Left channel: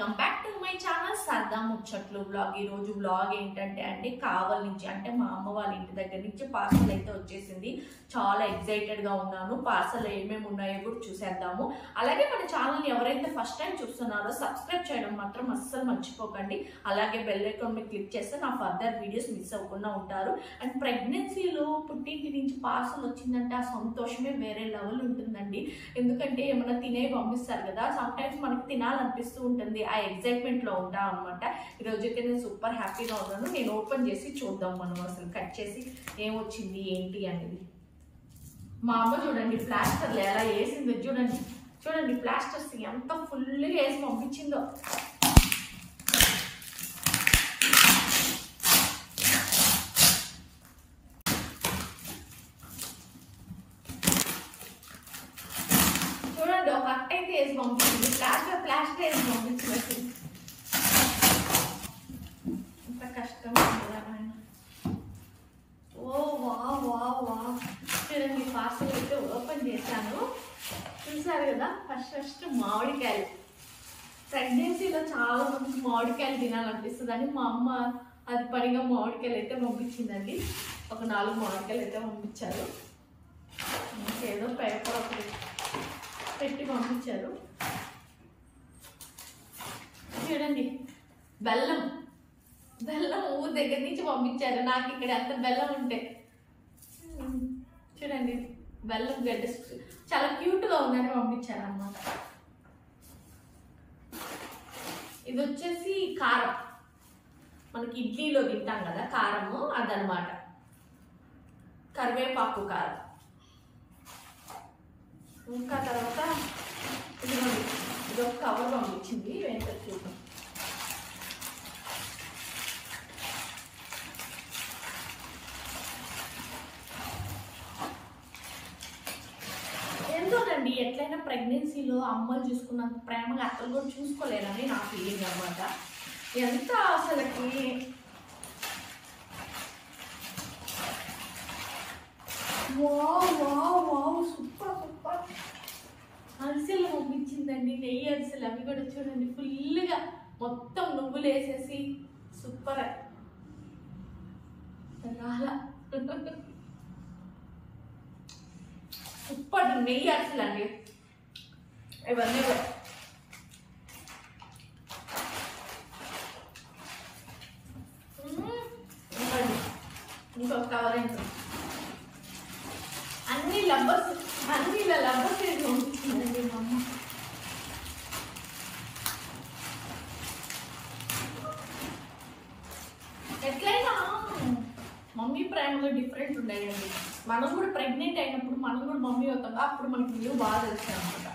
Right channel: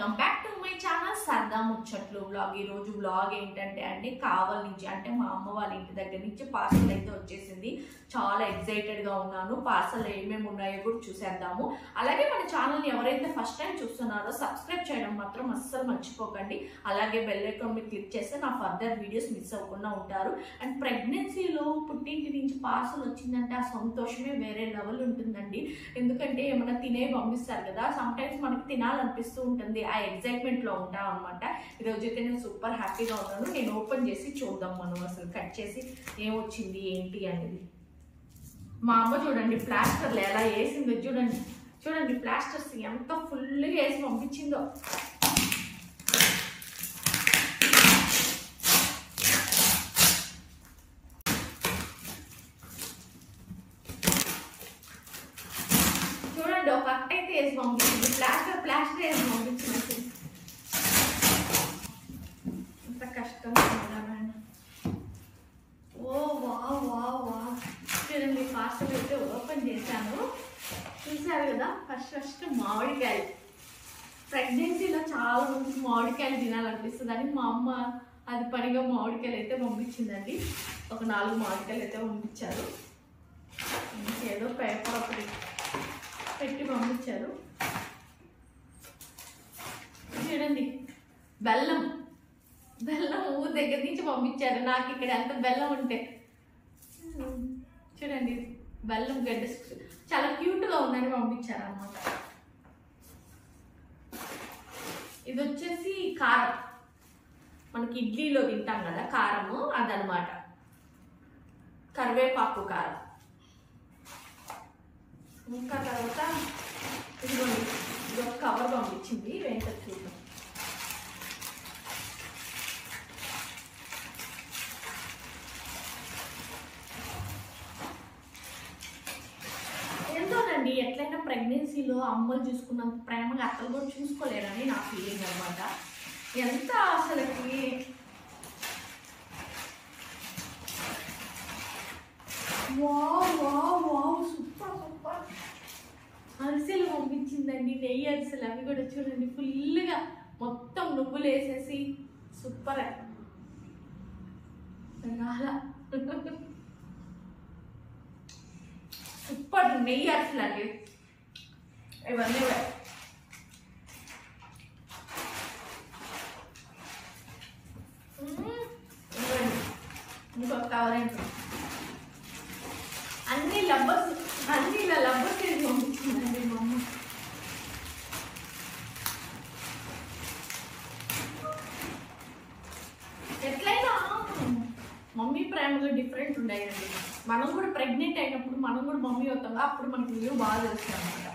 Welcome back to my channel సరదా ముచ్చట్లు vlog. ఈ రోజు వ్లాగ్ ఏంటంటే అండి కావల్ నుంచి అంటే మా అమ్మ వాళ్ళ ఇంటి దగ్గర నుంచి పార్సల్ అయితే వచ్చేసింది. చాలా ఎక్సైటెడ్ గా ఉన్నాను. పార్సల్ ఏమేమి ఉన్నాయో కూడా చూసేద్దాము. అలాగే మన ఛానల్ ని ఎవరైతే ఫస్ట్ టైం చూస్తున్నారో సబ్స్క్రైబ్ చేయడం మాత్రం అస్సలు మర్చిపోకండి. అలాగే బెల్ ఐకాన్ మీద క్లిక్ చేస్తే నా ఫర్దర్ వీడియోస్ మిస్ అవ్వకుండా ఉంటారు. అండ్ ప్రెగ్నెన్సీలో పుట్టింటి నుంచి పార్సల్ వచ్చిందంటే ఆ సంతోషమే వేరే లెవెల్ ఉంటుందండి. ఎందుకంటే ఏమైనా తినే పంపిస్తారు కదా, సమ్ టైమ్స్ మనకి తినాలనిపిస్తూ ఉంటుంది. ఆ ఎక్సైట్మెంట్ లో ఉంటాం అనమాట. ఈరోజు అయితే నేను సూపర్ హ్యాపీగా ఉన్నాను. నేను ఓపెన్ చేసి చూద్దాం మనం అసలు కట్ చేసి ఏమొచ్చింది ఏంటి అనేది. మా అమ్మ చూడండి ప్లాస్టర్లు ఎలా వేసిందో చూడండి. చూడండి ప్లాస్టర్స్ ఎంత ఫుల్గా వేసి పంపించిందో. చూడండి ఒక అట్ట అయితే వేసి పంపించింది. ప్లాస్టర్ వేసి పంపించింది. అసలు ఎంత కష్టంగా ఉన్నాను. ఓ వా వా వా చూడండి పార్సల్ అయితే ఓపెన్ చేశాను. చూసారు కదా, ఫస్ట్ మామిడికాయలు. ప్రెగ్నెన్సీలో చాలా మందికి మామిడికాయలు తినాలనిపిస్తుంది అని మా అమ్మ అది పనిగా మామిడికాయలు అయితే పంపించిందండి. ఒక 4 మామిడికాయలు అయితే పంపించారు. ఇంకేదో పేపర్ ఒకటి పెట్టి పంపించారు. చూడండి బెల్లం ఊరు దగ్గర నుంచి పంపించారు. నాకు ఇక్కడ ఎంత బెల్లం ఉంటే చూడండి బెల్లం గడ్డ చాలా క్యూట్గా ఉందని పంపించారు అనమాట. ఇది వచ్చేసి కారం, మనకి ఇడ్లీలో తింటాం కదా కారము, అదనమాట. కరివేపాకు కారం. ఇంకా తర్వాత ఇదిగోండి ఇది ఒక కవర్ పంపించింది. ఏంటో చూద్దాం. ఏంటోనండి ఎట్లయినా ప్రెగ్నెన్సీలో అమ్మలు చూసుకున్నంత ప్రేమగా అత్తలు కూడా చూసుకోలేరని నా ఫీలింగ్ అనమాట. ఎంత అసలుకి wow wow wow super super అరిసెలు పంపించిందండి. నెయ్యి అరిసెలు అవి కూడా చూడండి ఫుల్గా మొత్తం నువ్వులు వేసేసి సూపర్ చాలా సూపర్ నెయ్యి అరిసెలు అండి ఇవన్నీ. ఇంకొక కవర్ ఏంటో అన్ని ఇలా లబ్బర్స్ వేసి పంపించిందండి మా అమ్మ. ఎట్లయినా మమ్మీ ప్రేమలో డిఫరెంట్ ఉన్నాయండి. మనం కూడా ప్రెగ్నెంట్ అయినప్పుడు మనం కూడా మమ్మీ అవుతాం, అప్పుడు మనకి విలువ బాగా తెలుస్తాయి అనమాట.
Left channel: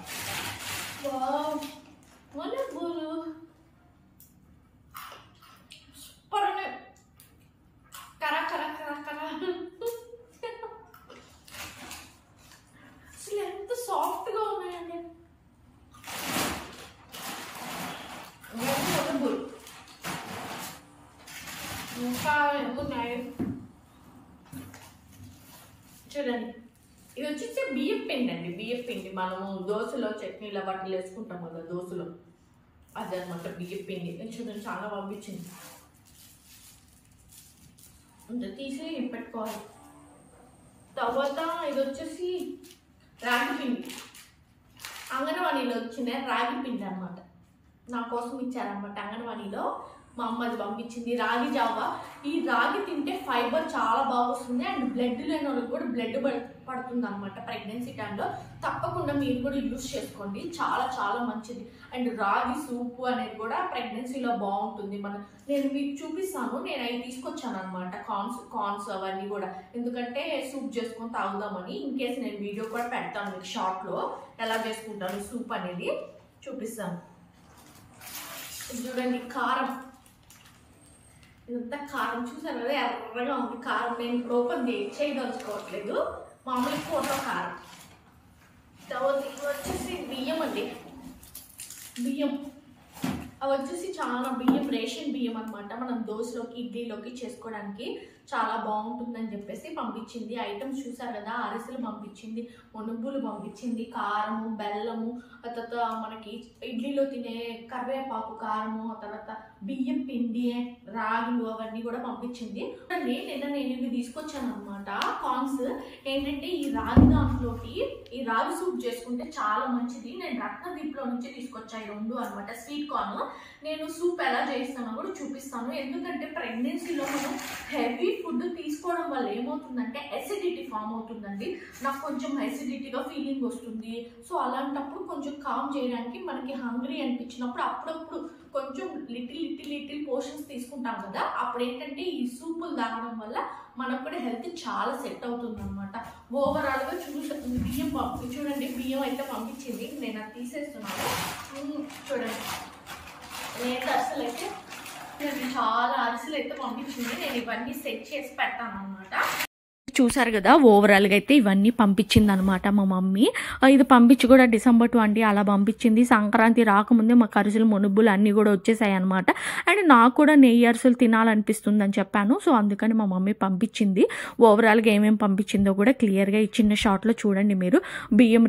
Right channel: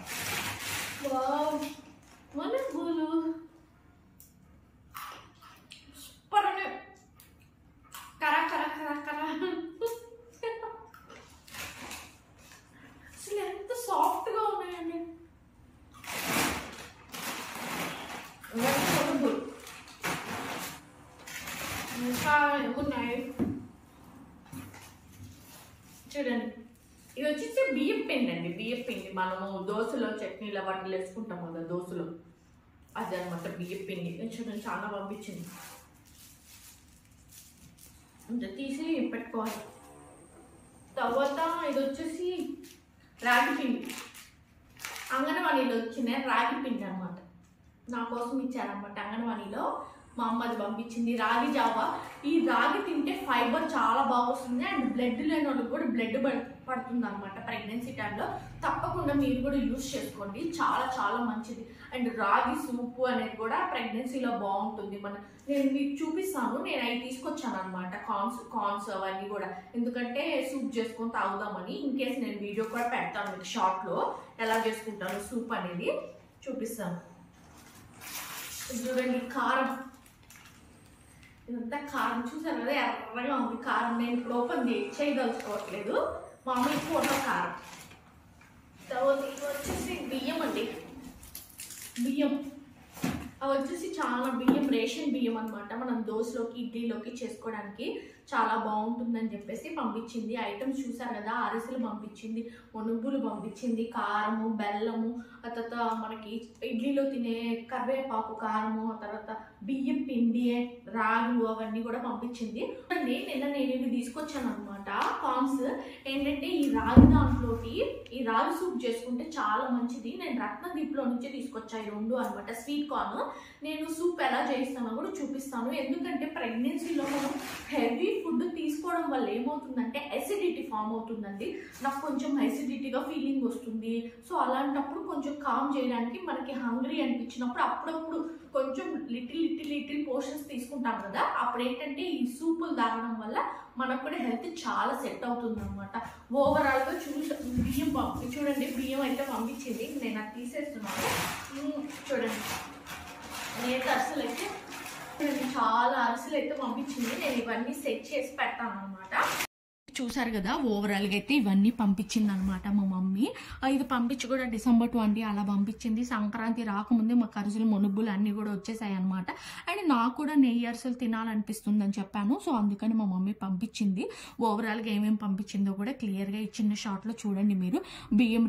బోలు సూపర్ ఉన్నాయి. కరా కరా కరా కరా అసలు ఎంత సాఫ్ట్గా ఉన్నాయండి. ఇంకా ఏమున్నాయి చూడండి. ఇది వచ్చేసి బియ్యం పిండి అండి. బియ్యం పిండి మనము దోశలో చట్నీలో వాటిలో వేసుకుంటాం కదా దోశలో, అదనమాట బియ్యం పిండి. చూడండి చాలా పంపించింది. ఇంకా తీసి పెట్టుకోవాలి. తర్వాత ఇది వచ్చేసి రాగి పిండి. అంగన్వాడీలో వచ్చిన రాగి పిండి అనమాట. నా కోసం ఇచ్చారనమాట అంగన్వాడీలో. మా అమ్మ అది పంపించింది. రాగి జావా. ఈ రాగి తింటే ఫైబర్ చాలా బాగా వస్తుంది. అండ్ బ్లడ్ లేని వాళ్ళకి కూడా బ్లడ్ పడుతుంది అనమాట ప్రెగ్నెన్సీ టైంలో. తప్పకుండా మీరు కూడా యూజ్ చేసుకోండి, చాలా చాలా మంచిది. అండ్ రాగి సూపు అనేది కూడా ప్రెగ్నెన్సీలో బాగుంటుంది. నేను మీకు చూపిస్తాను. నేను అవి తీసుకొచ్చాను అనమాట, కార్న్స్ అవన్నీ కూడా, ఎందుకంటే సూప్ చేసుకొని తాగుదామని. ఇన్ కేసు నేను వీడియో కూడా పెడతాను మీకు షార్ట్లో, ఎలా చేసుకుంటాను సూప్ అనేది చూపిస్తాను. చూడండి కారం. ఇదంతా కారం చూసారు కదా, ఎర్రగా ఉంది కారం. నేను ఇప్పుడు ఓపెన్ చేయదలుచుకోవట్లేదు. మామూలు కూరలో కారం. ఇది వచ్చేసి బియ్యం అండి. బియ్యం అవి వచ్చేసి చాలా బియ్యం, రేషన్ బియ్యం అనమాట. మనం దోశలోకి ఇడ్లీలోకి చేసుకోవడానికి చాలా బాగుంటుందని చెప్పేసి పంపించింది. ఐటమ్స్ చూసారు కదా, అరిసెలు పంపించింది, మునుగులు పంపించింది, కారము, బెల్లము, ఆ తర్వాత మనకి ఇడ్లీలో తినే కరివేపాకు కారము, ఆ తర్వాత బియ్యం పిండి, రాగులు అవన్నీ కూడా పంపించింది. నిన్న నేను ఇవి తీసుకొచ్చాను అనమాట. కార్న్స్ ఏంటంటే ఈ రాగి దాంట్లోకి ఈ రాగి సూప్ చేసుకుంటే చాలా మంచిది. నేను రత్నదీప్లో నుంచి తీసుకొచ్చా ఈ రెండు అనమాట. స్వీట్ కార్న్ నేను సూప్ ఎలా చేస్తానో కూడా చూపిస్తాను. ఎందుకంటే ప్రెగ్నెన్సీలో మనం హెవీ ఫుడ్ తీసుకోవడం వల్ల ఏమవుతుందంటే ఎసిడిటీ ఫామ్ అవుతుందండి. నాకు కొంచెం ఎసిడిటీగా ఫీలింగ్ వస్తుంది. సో అలాంటప్పుడు కొంచెం కామ్ చేయడానికి మనకి హంగ్రీ అనిపించినప్పుడు అప్పుడప్పుడు కొంచెం లిటిల్ పోర్షన్స్ తీసుకుంటాం కదా, అప్పుడు ఏంటంటే ఈ సూపులు తాగడం వల్ల మనకు కూడా హెల్త్ చాలా సెట్ అవుతుంది అనమాట. ఓవరాల్గా బియ్యం చూడండి, బియ్యం అయితే పంపించింది. నేను అది తీసేస్తున్నాను. చూడండి, నేత అరిసెలు అయితే చాలా అరిసెలు అయితే పంపించింది. నేను ఇవన్నీ సెట్ చేసి పెడతాను అనమాట. చూసారు కదా, ఓవరాల్గా అయితే ఇవన్నీ పంపించింది అనమాట మా మమ్మీ. ఇది పంపించి కూడా December 20 అలా పంపించింది. సంక్రాంతి రాకముందే మాకు అరిసెలు మునుబ్బులు అన్నీ కూడా వచ్చేసాయి అనమాట. అండ్ నాకు కూడా నెయ్యి అరిసెలు తినాలనిపిస్తుంది అని చెప్పాను. సో అందుకని మా మమ్మీ పంపించింది. ఓవరాల్గా ఏమేమి పంపించిందో కూడా క్లియర్గా ఈ చిన్న షార్ట్లో చూడండి మీరు.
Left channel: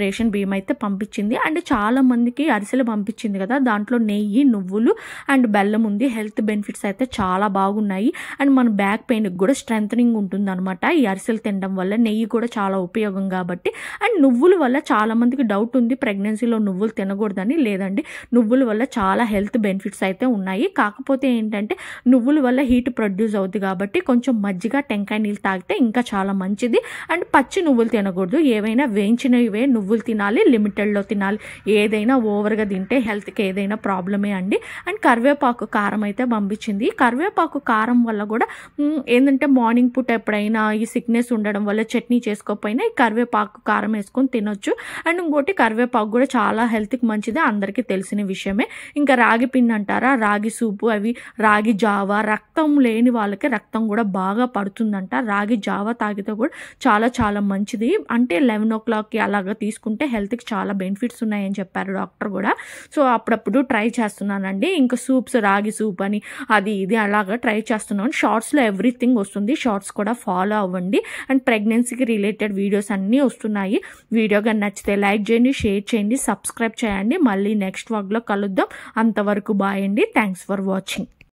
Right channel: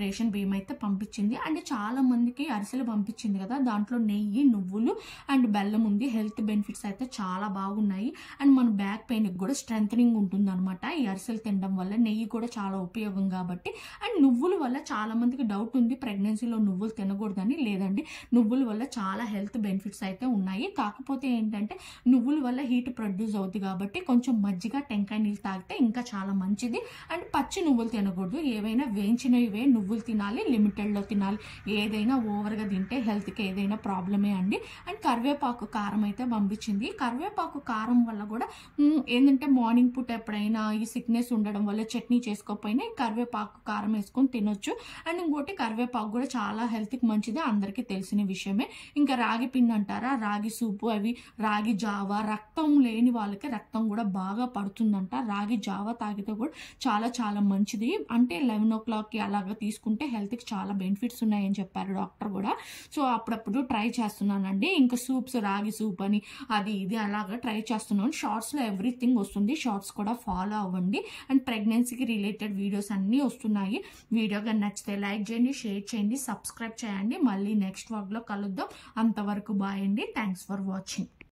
రేషన్ బియ్యం అయితే పంపించింది. అండ్ చాలా మందికి అరిసెలు పంపించింది కదా, దాంట్లో నెయ్యి, నువ్వులు అండ్ బెల్లం ఉంది. హెల్త్ బెనిఫిట్స్ అయితే చాలా బాగున్నాయి. అండ్ మన బ్యాక్ పెయిన్కి కూడా స్ట్రెంథనింగ్ ఉంటుంది అనమాట ఈ అరిసెలు తినడం వల్ల. నెయ్యి కూడా చాలా ఉపయోగం కాబట్టి. అండ్ నువ్వుల వల్ల చాలా మందికి డౌట్ ఉంది ప్రెగ్నెన్సీలో నువ్వులు తినకూడదని. లేదండి, నువ్వుల వల్ల చాలా హెల్త్ బెనిఫిట్స్ అయితే ఉన్నాయి. కాకపోతే ఏంటంటే నువ్వుల వల్ల హీట్ ప్రొడ్యూస్ అవుతుంది కాబట్టి కొంచెం మజ్జిగ, టెంకాయ నీళ్ళు తాగితే ఇంకా చాలా మంచిది. అండ్ పచ్చి నువ్వులు తినకూడదు, ఏవైనా వేయించినవే నువ్వులు తినాలి, లిమిటెడ్లో తినాలి. ఏదైనా ఓవర్గా తింటే హెల్త్కి ఏదైనా ప్రాబ్లమే అండి. అండ్ కరివేపాకు కారం అయితే పంపించింది. కరివేపాకు కారం వల్ల కూడా ఏంటంటే మార్నింగ్ పూట ఎప్పుడైనా ఈ సిక్నెస్ ఉండడం వల్ల చట్నీ చేసుకోకపోయినా ఈ కరివేపాకు కారం వేసుకొని తినొచ్చు. అండ్ ఇంకోటి కరివేపాకు కూడా చాలా హెల్త్కి మంచిది, అందరికీ తెలిసిన విషయమే. ఇంకా రాగి పిండి అంటారా, రాగి సూపు, అవి రాగి జావా, రక్తం లేని వాళ్ళకి రక్తం కూడా బాగా పడుతుందంట. రాగి జావా తాగితే కూడా చాలా చాలా మంచిది. అంటే 11 o'clockకి అలాగా తీసుకుంటే హెల్త్కి చాలా బెనిఫిట్స్ ఉన్నాయని చెప్పారు డాక్టర్ కూడా. సో అప్పుడప్పుడు ట్రై చేస్తున్నానండి. ఇంకా సూప్స్, రాగి సూప్ అని అది ఇది అలాగా ట్రై చేస్తున్నాను. షార్ట్స్లో ఎవ్రీథింగ్ వస్తుంది, షార్ట్స్ కూడా ఫాలో అవ్వండి. అండ్ ప్రెగ్నెన్సీకి రిలేటెడ్ వీడియోస్ అన్నీ వస్తున్నాయి. వీడియో కానీ నచ్చితే లైక్ చేయండి, షేర్ చేయండి, సబ్స్క్రైబ్ చేయండి. మళ్ళీ నెక్స్ట్ వ్లాగ్లో కలుద్దాం. అంతవరకు బాయ్ అండి. Thanks for watching.